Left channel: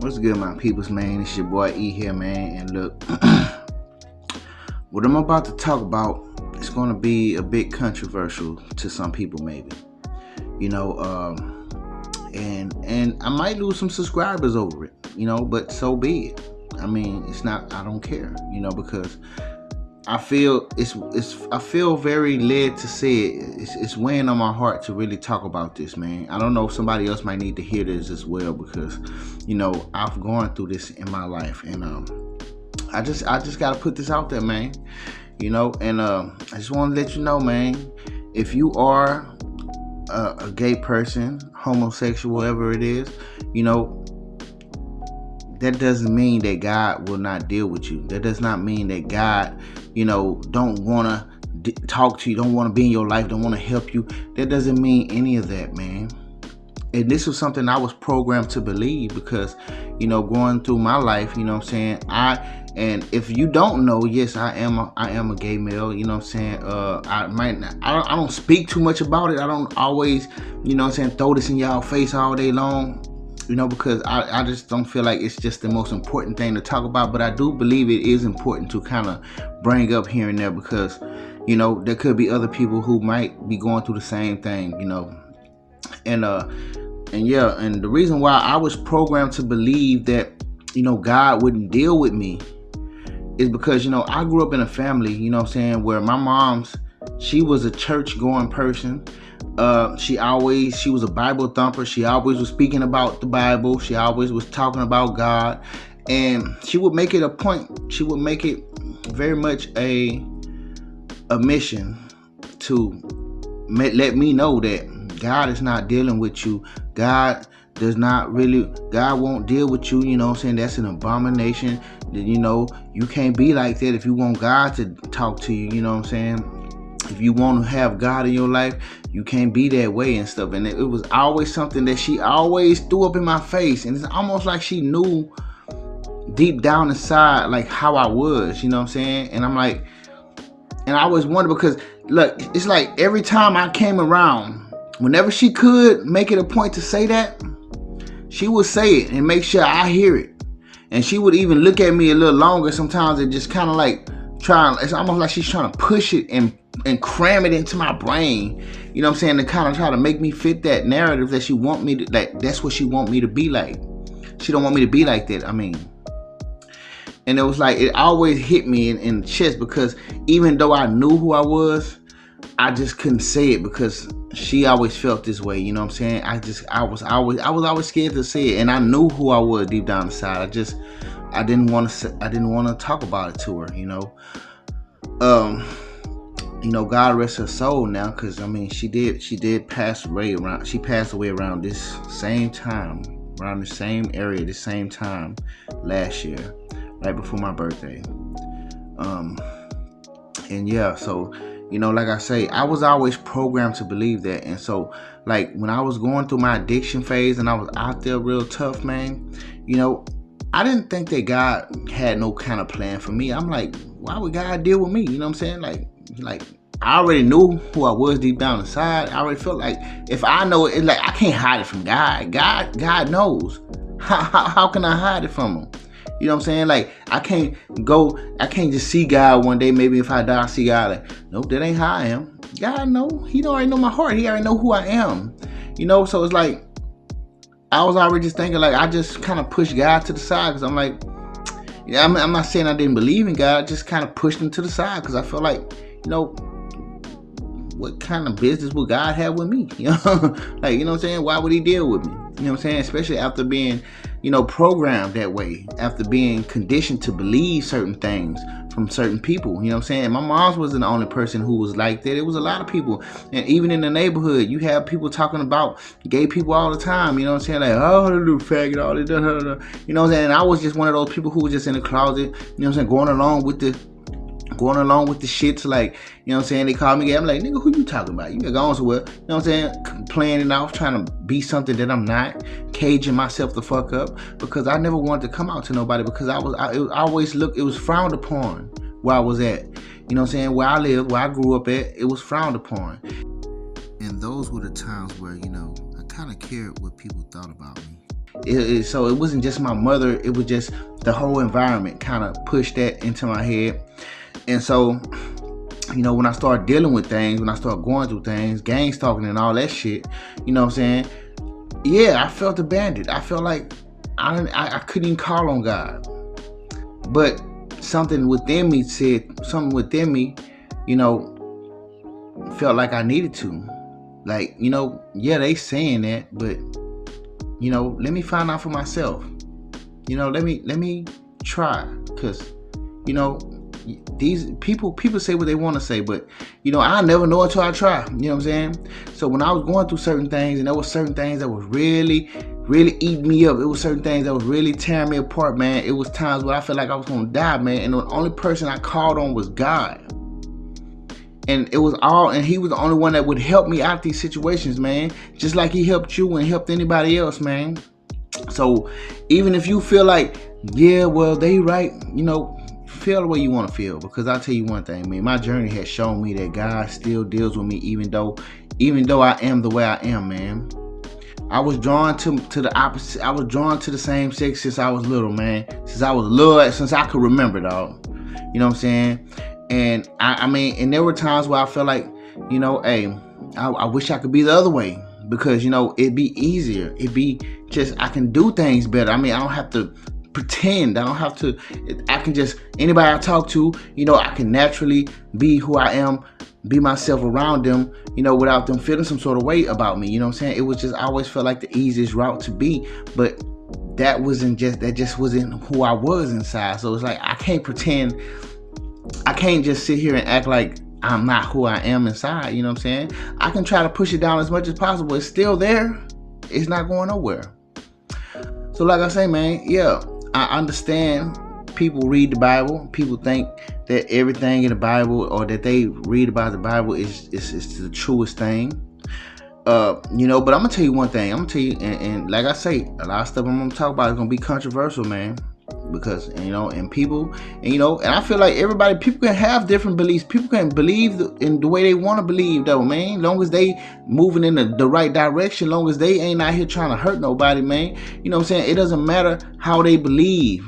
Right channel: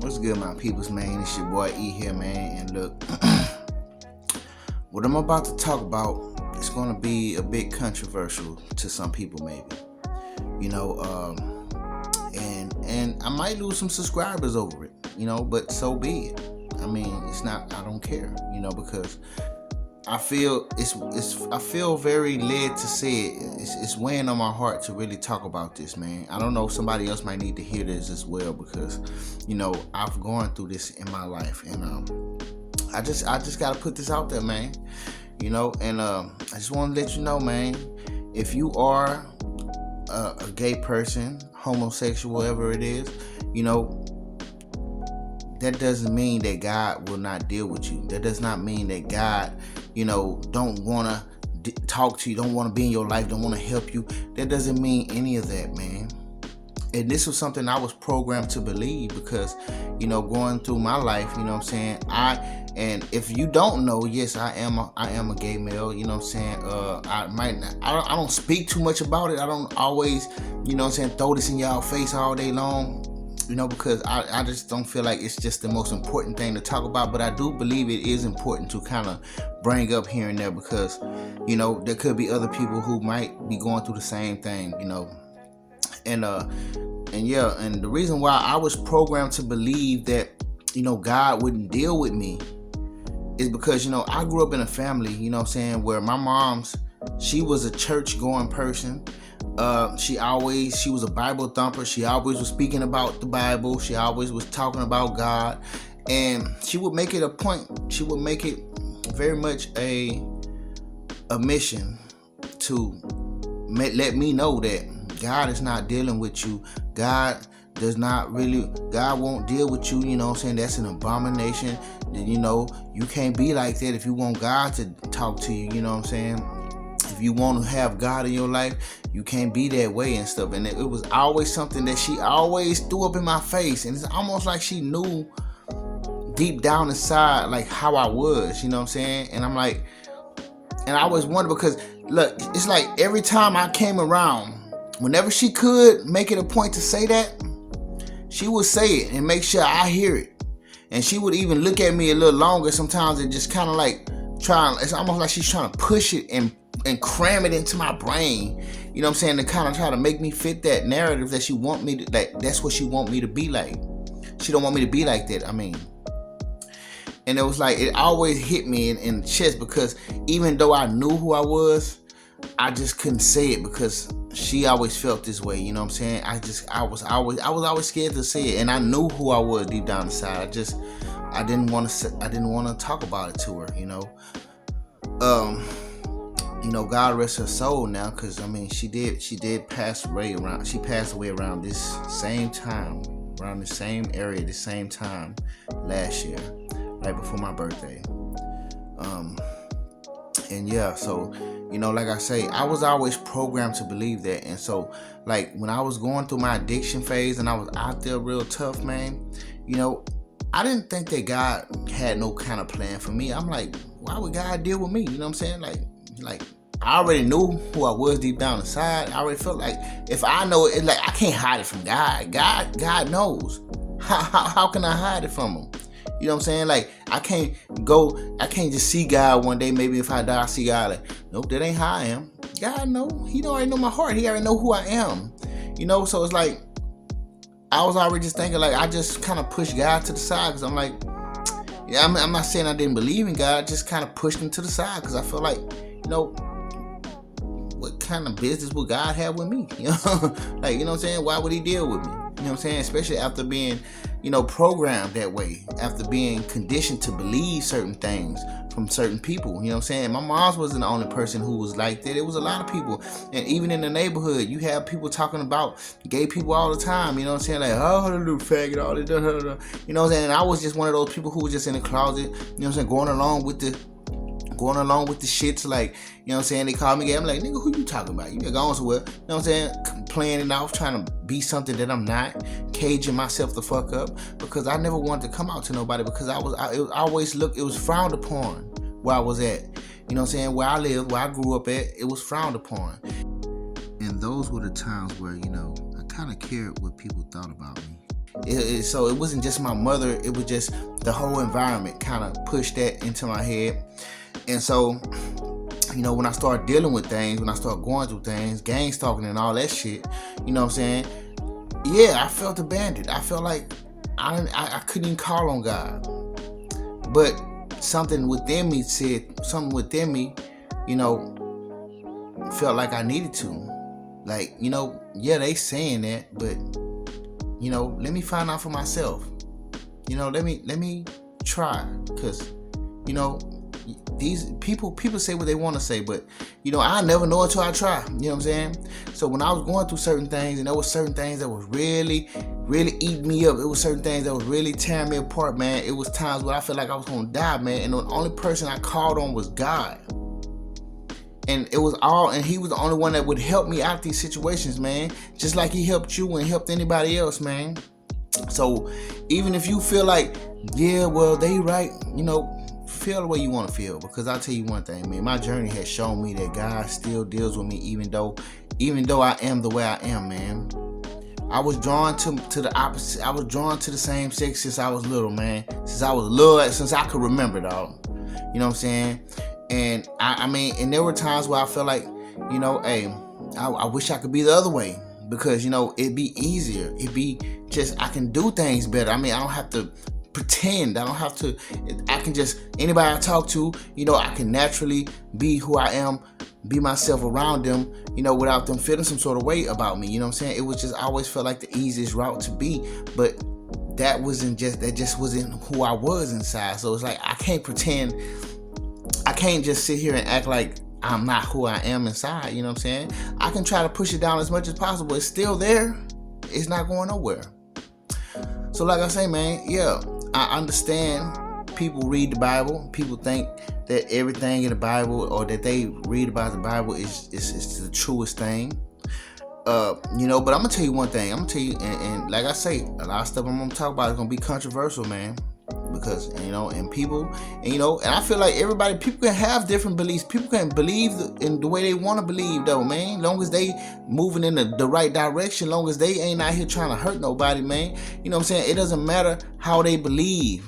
What's good, my peoples, man? It's your boy E here, man. And look, what I'm about to talk about is going to be a bit controversial to some people, maybe. You know, and I might lose some subscribers over it, but so be it. I mean, it's not. I don't care, because I feel I feel very led to say it. It's weighing on my heart to really talk about this, man. I don't know if somebody else might need to hear this as well because, I've gone through this in my life, and I just gotta put this out there, man. And I just want to let you know, man. If you are a gay person, homosexual, whatever it is, that doesn't mean that God will not deal with you. That does not mean that God, don't want to talk to you, don't want to be in your life, don't want to help you. That doesn't mean any of that, man. And this was something I was programmed to believe because, going through my life, and if you don't know, yes, I am a gay male, I don't speak too much about it. I don't always, throw this in y'all face all day long. Because I just don't feel like it's just the most important thing to talk about. But I do believe it is important to kind of bring up here and there because, there could be other people who might be going through the same thing, And the reason why I was programmed to believe that, God wouldn't deal with me is because, I grew up in a family, where my mom's, she was a church-going person. She was a Bible thumper. She always was speaking about the Bible. She always was talking about God. And she would make it a point. She would make it very much a mission to let me know that God is not dealing with you. God won't deal with you. That's an abomination. You can't be like that if you want God to talk to you. If you want to have God in your life, you can't be that way and stuff. And it was always something that she always threw up in my face. And it's almost like she knew deep down inside, like, how I was, And I'm like, and I always wonder because, look, it's like every time I came around, whenever she could make it a point to say that, she would say it and make sure I hear it. And she would even look at me a little longer sometimes and just kind of like it's almost like she's trying to push it and cram it into my brain, to kind of try to make me fit that narrative that she want me to, that's what she want me to be like. She don't want me to be like that, And it was like, it always hit me in the chest because even though I knew who I was, I just couldn't say it because she always felt this way, I was always scared to say it, and I knew who I was deep down inside. I didn't want to talk about it to her, God rest her soul now, because she did pass away around. She passed away around this same time, around the same area, the same time last year, right before my birthday. So like I say, I was always programmed to believe that, and so like when I was going through my addiction phase and I was out there real tough, man, I didn't think that God had no kind of plan for me. I'm like, why would God deal with me? Like I already knew who I was deep down inside. I already felt like if I know it, like I can't hide it from God. God knows. How can I hide it from him? Like I can't just see God one day. Maybe if I die, I see God. Like, nope, that ain't how I am. God know. He already know my heart. He already know who I am. So it's like I was already just thinking, like, I just kind of pushed God to the side because I'm like, I'm not saying I didn't believe in God. I just kind of pushed him to the side because I felt like, what kind of business would God have with me? Why would he deal with me? Especially after being, programmed that way, after being conditioned to believe certain things from certain people. My mom wasn't the only person who was like that. It was a lot of people. And even in the neighborhood, you have people talking about gay people all the time. Like, oh, little faggot, all this, And I was just one of those people who was just in the closet, going along with the shits, like, they call me gay. I'm like, nigga, who you talking about? You going somewhere, playing it off, trying to be something that I'm not, caging myself the fuck up, because I never wanted to come out to nobody, because it was frowned upon where I was at, where I lived, where I grew up at, it was frowned upon. And those were the times where, I kind of cared what people thought about me. So it wasn't just my mother, it was just the whole environment kind of pushed that into my head. And so, when I started dealing with things, when I started going through things, gang stalking and all that shit, you know what I'm saying? Yeah, I felt abandoned. I felt like I couldn't even call on God. But something within me, felt like I needed to. Like, yeah, they saying that, but, let me find out for myself. Let me try. Because, these people say what they want to say, but, I never know until I try. You know what I'm saying? So when I was going through certain things, and there was certain things that was really, really eating me up. It was certain things that was really tearing me apart, man. It was times where I felt like I was going to die, man. And the only person I called on was God. And he was the only one that would help me out these situations, man. Just like he helped you and helped anybody else, man. So even if you feel like, yeah, well, they right, feel the way you want to feel. Because I'll tell you one thing, man. My journey has shown me that God still deals with me, even though I am the way I am, man. I was drawn to the opposite. I was drawn to the same sex since I was little, man. Since I could remember, dog. You know what I'm saying? And and there were times where I felt like, hey, I wish I could be the other way, because, it'd be easier. It'd be just, I can do things better. I don't have to pretend. I can just, anybody I talk to, I can naturally be who I am, be myself around them, without them feeling some sort of way about me. You know what I'm saying? It was just, I always felt like the easiest route to be, but that just wasn't who I was inside. So it's like, I can't pretend. I can't just sit here and act like I'm not who I am inside. You know what I'm saying? I can try to push it down as much as possible. It's still there. It's not going nowhere. So like I say, man, yeah, I understand people read the Bible. People think that everything in the Bible, or that they read about the Bible, is the truest thing. But I'm gonna tell you one thing. I'm gonna tell you, and like I say, a lot of stuff I'm gonna talk about is gonna be controversial, man. Because, and people, and I feel like people can have different beliefs. People can believe in the way they want to believe, though, man. Long as they moving in the right direction, long as they ain't out here trying to hurt nobody, man. You know what I'm saying? It doesn't matter how they believe.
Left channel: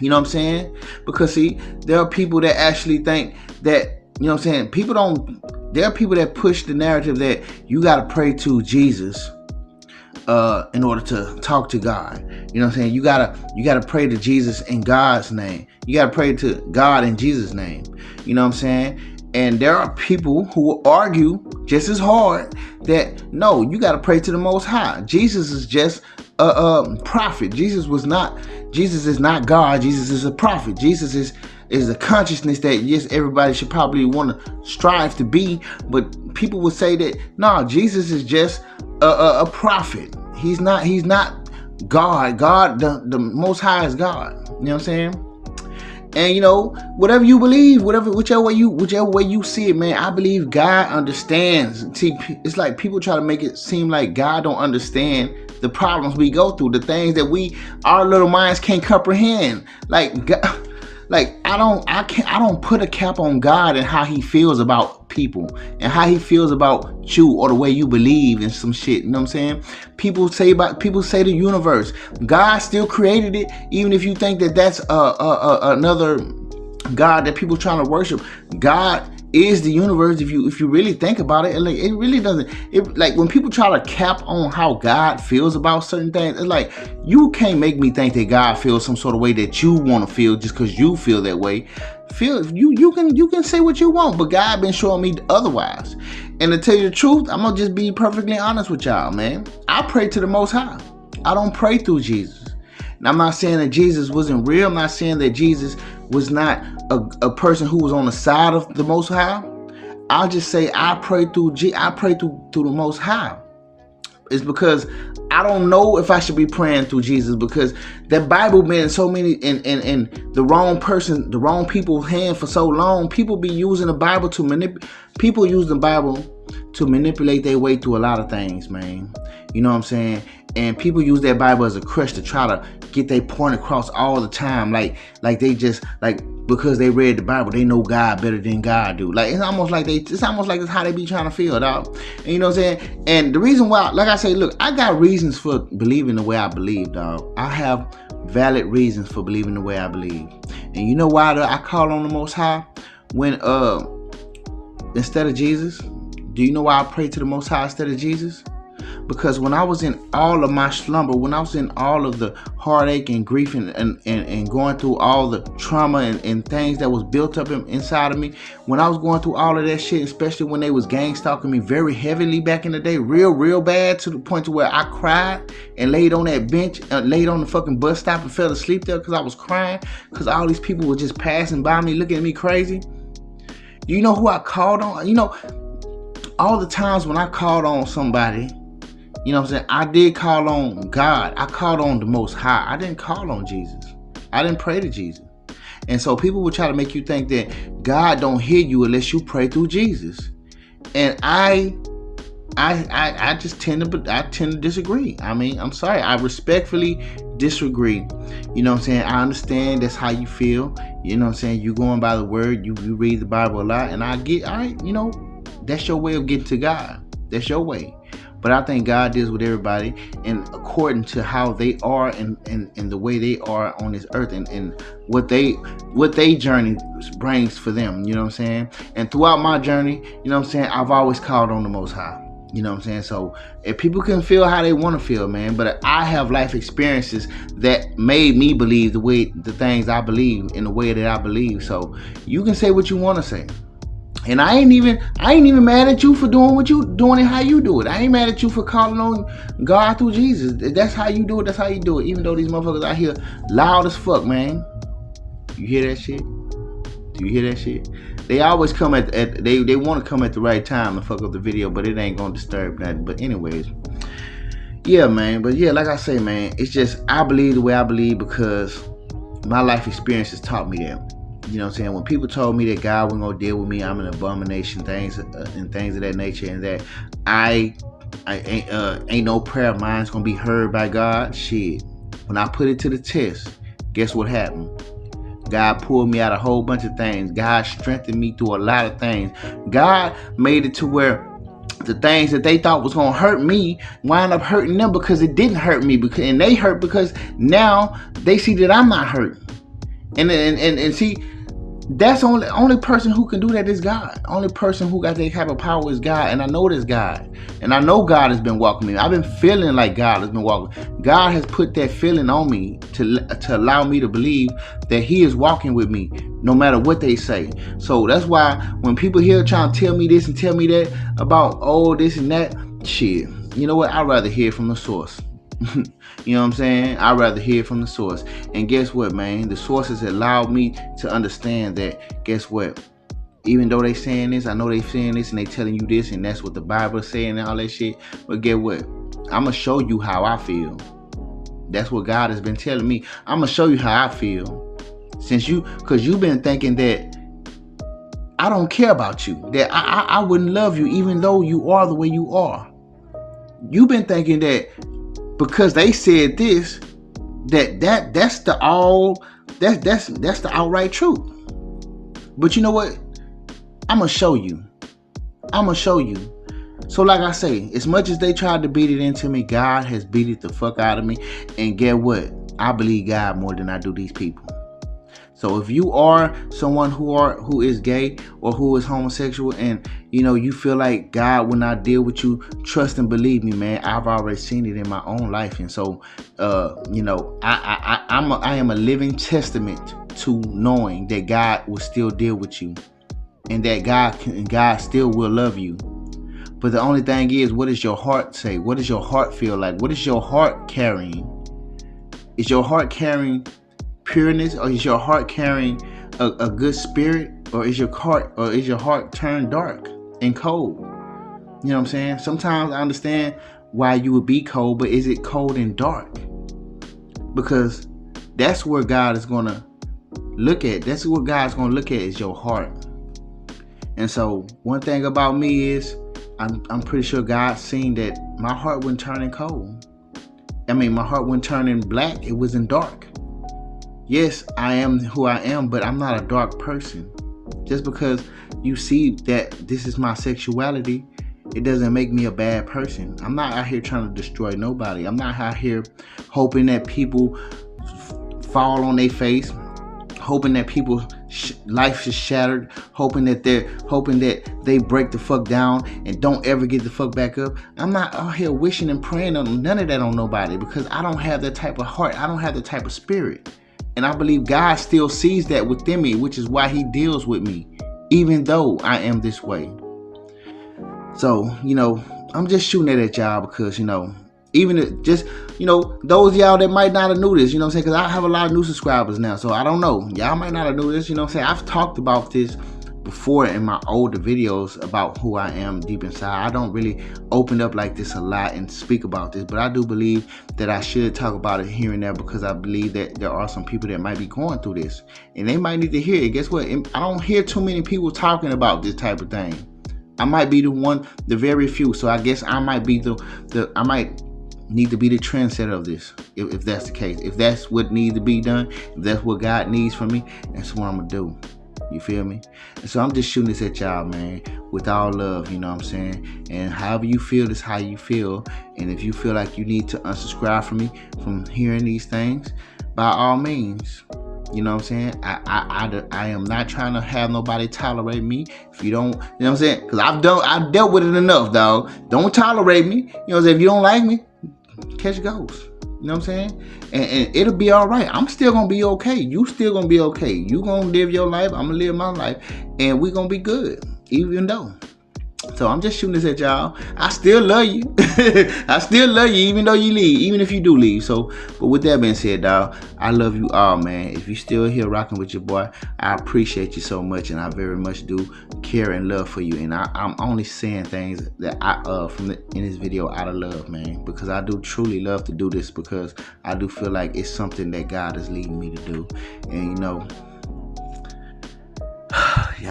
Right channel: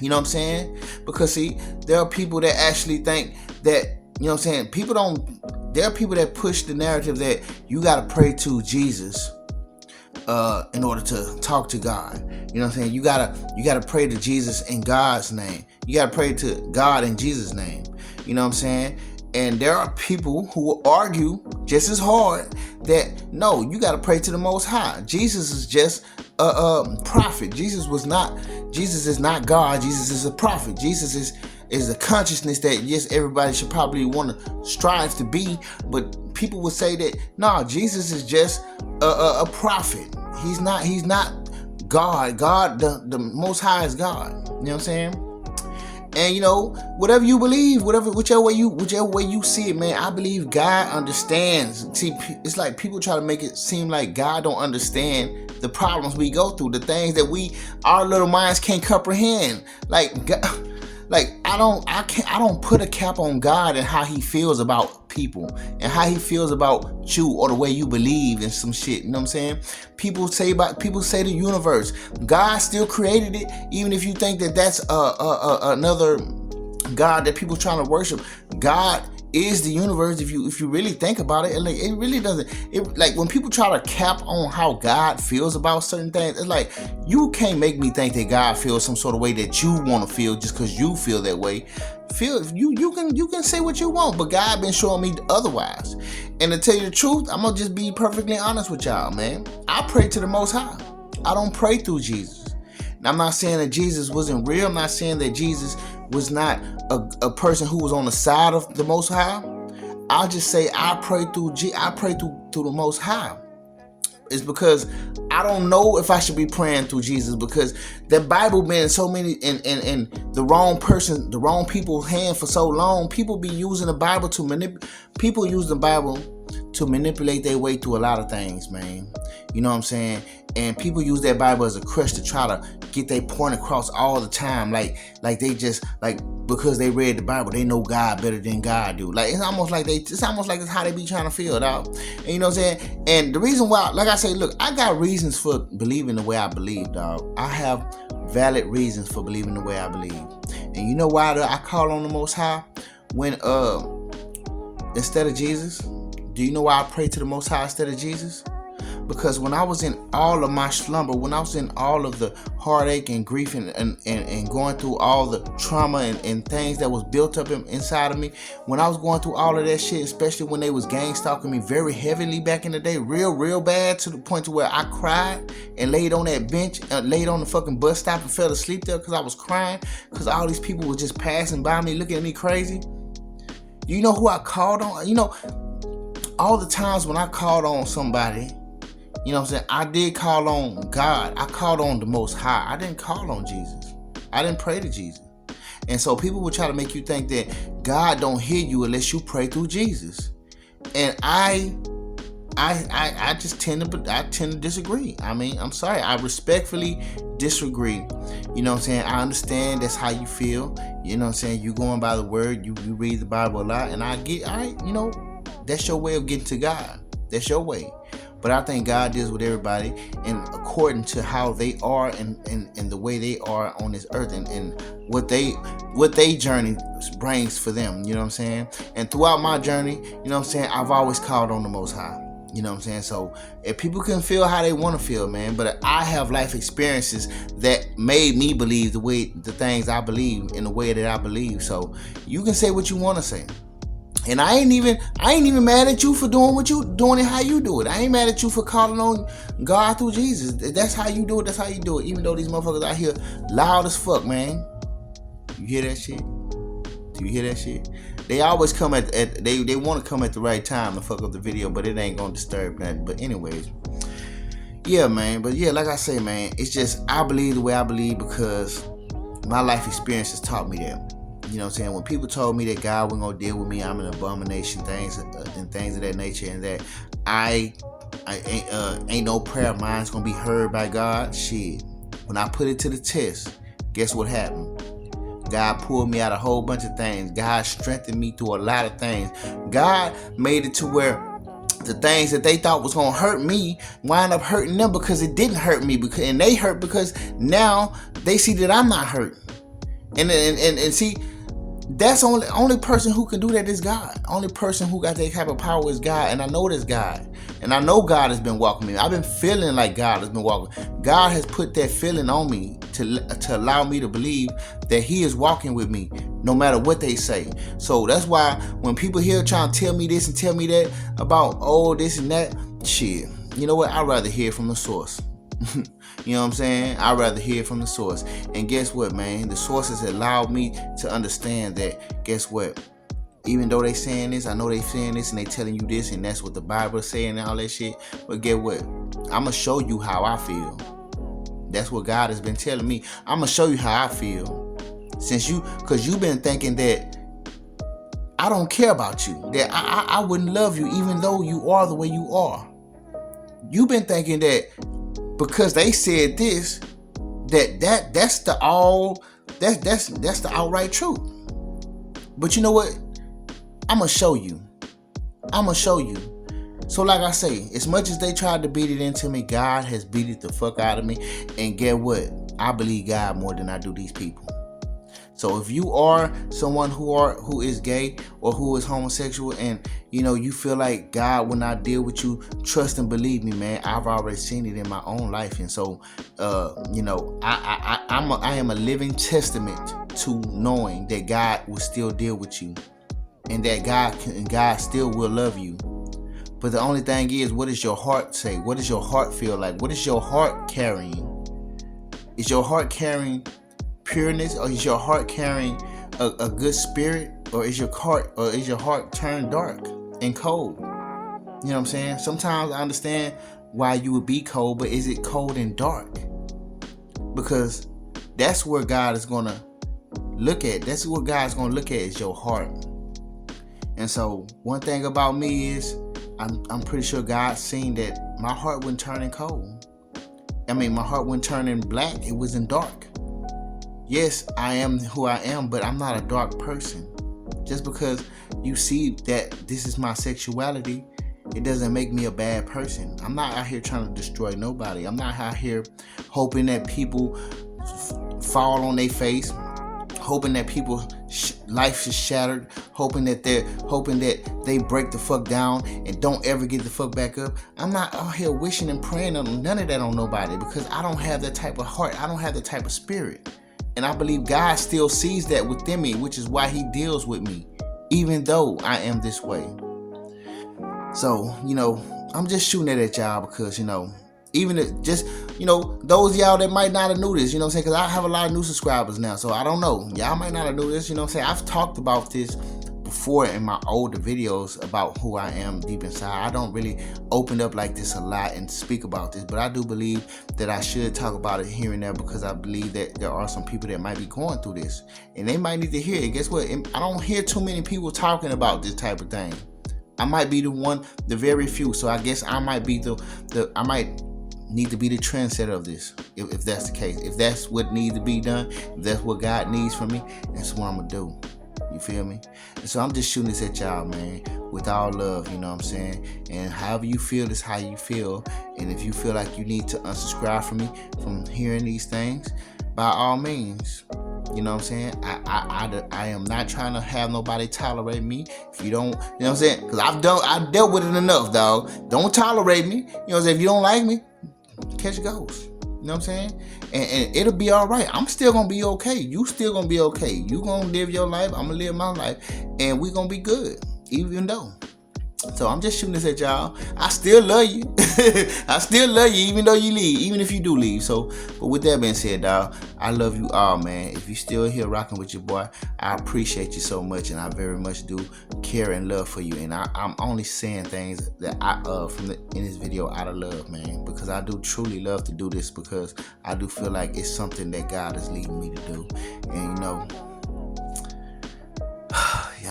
You know what I'm saying? Because, see, there are people that actually think that, you know what I'm saying? There are people that push the narrative that you got to pray to Jesus in order to talk to God. You know what I'm saying? You gotta pray to Jesus in God's name. You gotta pray to God in Jesus' name. You know what I'm saying? And there are people who will argue just as hard that no, you gotta pray to the Most High. Jesus is just a prophet. Jesus is not God. Jesus is a prophet. Jesus is a consciousness that, yes, everybody should probably want to strive to be, but people would say that no, Jesus is just a prophet. He's not God. The Most High is God. You know what I'm saying? And whatever you believe, whichever way you see it, man, I believe God understands. See, it's like people try to make it seem like God don't understand the problems we go through, the things that our little minds can't comprehend. Like God, I don't put a cap on God and how he feels about people and how he feels about you or the way you believe in some shit. You know what I'm saying? People say the universe. God still created it, even if you think that that's another God that people trying to worship. God is the universe. If you really think about it, like, it really doesn't. Like when people try to cap on how God feels about certain things, it's like you can't make me think that God feels some sort of way that you want to feel just because you feel that way. You can say what you want, but God been showing me otherwise. And to tell you the truth, I'm gonna just be perfectly honest with y'all, man. I pray to the Most High. I don't pray through Jesus. And I'm not saying that Jesus wasn't real. I'm not saying that Jesus was not a person who was on the side of the Most High. I'll just say I pray through the Most High. It's because I don't know if I should be praying through Jesus, because the Bible been so many in the wrong people's hand for so long. People be using the Bible people use the Bible to manipulate their way through a lot of things, man. You know what I'm saying? And people use that Bible as a crutch to try to get their point across all the time. Like they just like because they read the Bible, they know God better than God do. Like it's almost like it's how they be trying to feel, dog. And you know what I'm saying? And the reason why, like I say, look, I got reasons for believing the way I believe, dog. I have valid reasons for believing the way I believe. And you know why I call on the Most High when instead of Jesus? Do you know why I pray to the Most High instead of Jesus? Because when I was in all of my slumber, when I was in all of the heartache and grief and going through all the trauma and things that was built up inside of me, when I was going through all of that shit, especially when they was gang stalking me very heavily back in the day, real bad, to the point to where I cried and laid on that bench, laid on the fucking bus stop and fell asleep there because I was crying because all these people were just passing by me looking at me crazy. You know who I called on? You know, all the times when I called on somebody, you know what I'm saying, I did call on God. I called on the Most High. I didn't call on Jesus. I didn't pray to Jesus. And so people will try to make you think that God don't hear you unless you pray through Jesus. And I just tend to disagree. I mean, I'm sorry. I respectfully disagree. You know what I'm saying? I understand that's how you feel. You know what I'm saying? You going by the word. You read the Bible a lot. And I get, all right, you know, that's your way of getting to God. That's your way. But I think God deals with everybody and according to how they are and the way they are on this earth and what they journey brings for them, you know what I'm saying? And throughout my journey, you know what I'm saying, I've always called on the Most High. You know what I'm saying? So if people can feel how they want to feel, man, but I have life experiences that made me believe the things I believe in the way that I believe. So you can say what you want to say. And I ain't even mad at you for doing what you doing it how you do it. I ain't mad at you for calling on God through Jesus. That's how you do it. That's how you do it. Even though these motherfuckers out here loud as fuck, man. You hear that shit? Do you hear that shit? They always come they want to come at the right time and fuck up the video, but it ain't gonna disturb nothing. But anyways, yeah, man. But yeah, like I say, man, it's just I believe the way I believe because my life experiences taught me that. You know what I'm saying? When people told me that God wasn't gonna deal with me, I'm an abomination, things of that nature, and that I ain't no prayer of mine is gonna be heard by God. Shit. When I put it to the test, guess what happened? God pulled me out a whole bunch of things. God strengthened me through a lot of things. God made it to where the things that they thought was gonna hurt me wind up hurting them because it didn't hurt me, and they hurt because now they see that I'm not hurt. And see, that's only person who can do that is God. Only person who got that type of power is God, and I know this God. And I know God has been walking me. I've been feeling like God has been walking. God has put that feeling on me to allow me to believe that He is walking with me, no matter what they say. So that's why when people here trying to tell me this and tell me that about this and that, shit, you know what? I'd rather hear from the source. You know what I'm saying? I'd rather hear from the source. And guess what, man? The sources allowed me to understand that, guess what? Even though they saying this, I know they saying this and they telling you this and that's what the Bible is saying and all that shit. But get what? I'm going to show you how I feel. That's what God has been telling me. I'm going to show you how I feel. Because you've been thinking that I don't care about you. That I wouldn't love you even though you are the way you are. You've been thinking that because they said this, that's the outright truth. But you know what? I'm gonna show you. So like I say, as much as they tried to beat it into me, God has beat it the fuck out of me. And get what? I believe God more than I do these people. So if you are someone who is gay or who is homosexual and you know you feel like God will not deal with you, trust and believe me, man. I've already seen it in my own life, and so you know I am a living testament to knowing that God will still deal with you, and that God still will love you. But the only thing is, what does your heart say? What does your heart feel like? What is your heart carrying? Is your heart carrying pureness, or is your heart carrying a good spirit, or is your heart turned dark and cold? You know what I'm saying? Sometimes I understand why you would be cold, but is it cold and dark? Because that's where God is gonna look at. That's what God's gonna look at, is your heart. And so one thing about me is I'm pretty sure God seen that my heart wasn't turning cold. I mean, my heart wasn't turning black. It wasn't dark. yes, I am who I am, but I'm not a dark person. Just because you see that this is my sexuality, it doesn't make me a bad person. I'm not out here trying to destroy nobody. I'm not out here hoping that people fall on their face, hoping that people's life is shattered, hoping that they break the fuck down and don't ever get the fuck back up. I'm not out here wishing and praying on none of that on nobody, because I don't have that type of heart. I don't have that type of spirit. And I believe God still sees that within me, which is why he deals with me, even though I am this way. So, I'm just shooting it at y'all because, even just, those of y'all that might not have knew this, because I have a lot of new subscribers now. So I don't know. Y'all might not have knew this, I've talked about this before in my older videos about who I am deep inside. I don't really open up like this a lot and speak about this, but I do believe that I should talk about it here and there, because I believe that there are some people that might be going through this and they might need to hear it. Guess what? I don't hear too many people talking about this type of thing. I might be the very few. So I guess I might be I might need to be the trendsetter of this, if that's the case. If that's what needs to be done, if that's what God needs from me, that's what I'm gonna do. You feel me? And so I'm just shooting this at y'all, man, with all love, you know what I'm saying? And however you feel, that's how you feel. And if you feel like you need to unsubscribe from me from hearing these things, by all means. You know what I'm saying? I am not trying to have nobody tolerate me. If you don't, you know what I'm saying? Because I've dealt with it enough, dog. Don't tolerate me. You know what I'm saying? If you don't like me, catch a ghost. You know what I'm saying? And it'll be all right. I'm still going to be okay. You still going to be okay. You going to live your life. I'm going to live my life. And we're going to be good, even though. So I'm just shooting this at y'all. I still love you. I still love you, even though you leave, even if you do leave. So, but with that being said, dog, I love you all, man. If you still here rocking with your boy, I appreciate you so much, and I very much do care and love for you. And I'm only saying things that in this video out of love, man, because I do truly love to do this, because I do feel like it's something that God is leading me to do. And y'all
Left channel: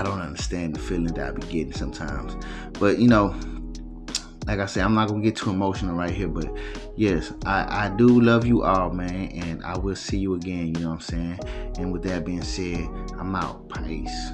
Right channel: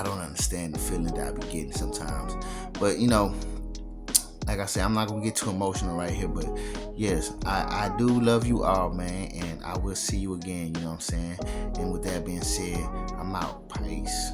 don't understand the feeling that I be getting sometimes. But like I said, I'm not gonna get too emotional right here, but yes, I do love you all, man, and I will see you again, you know what I'm saying? And with that being said, I'm out. Peace.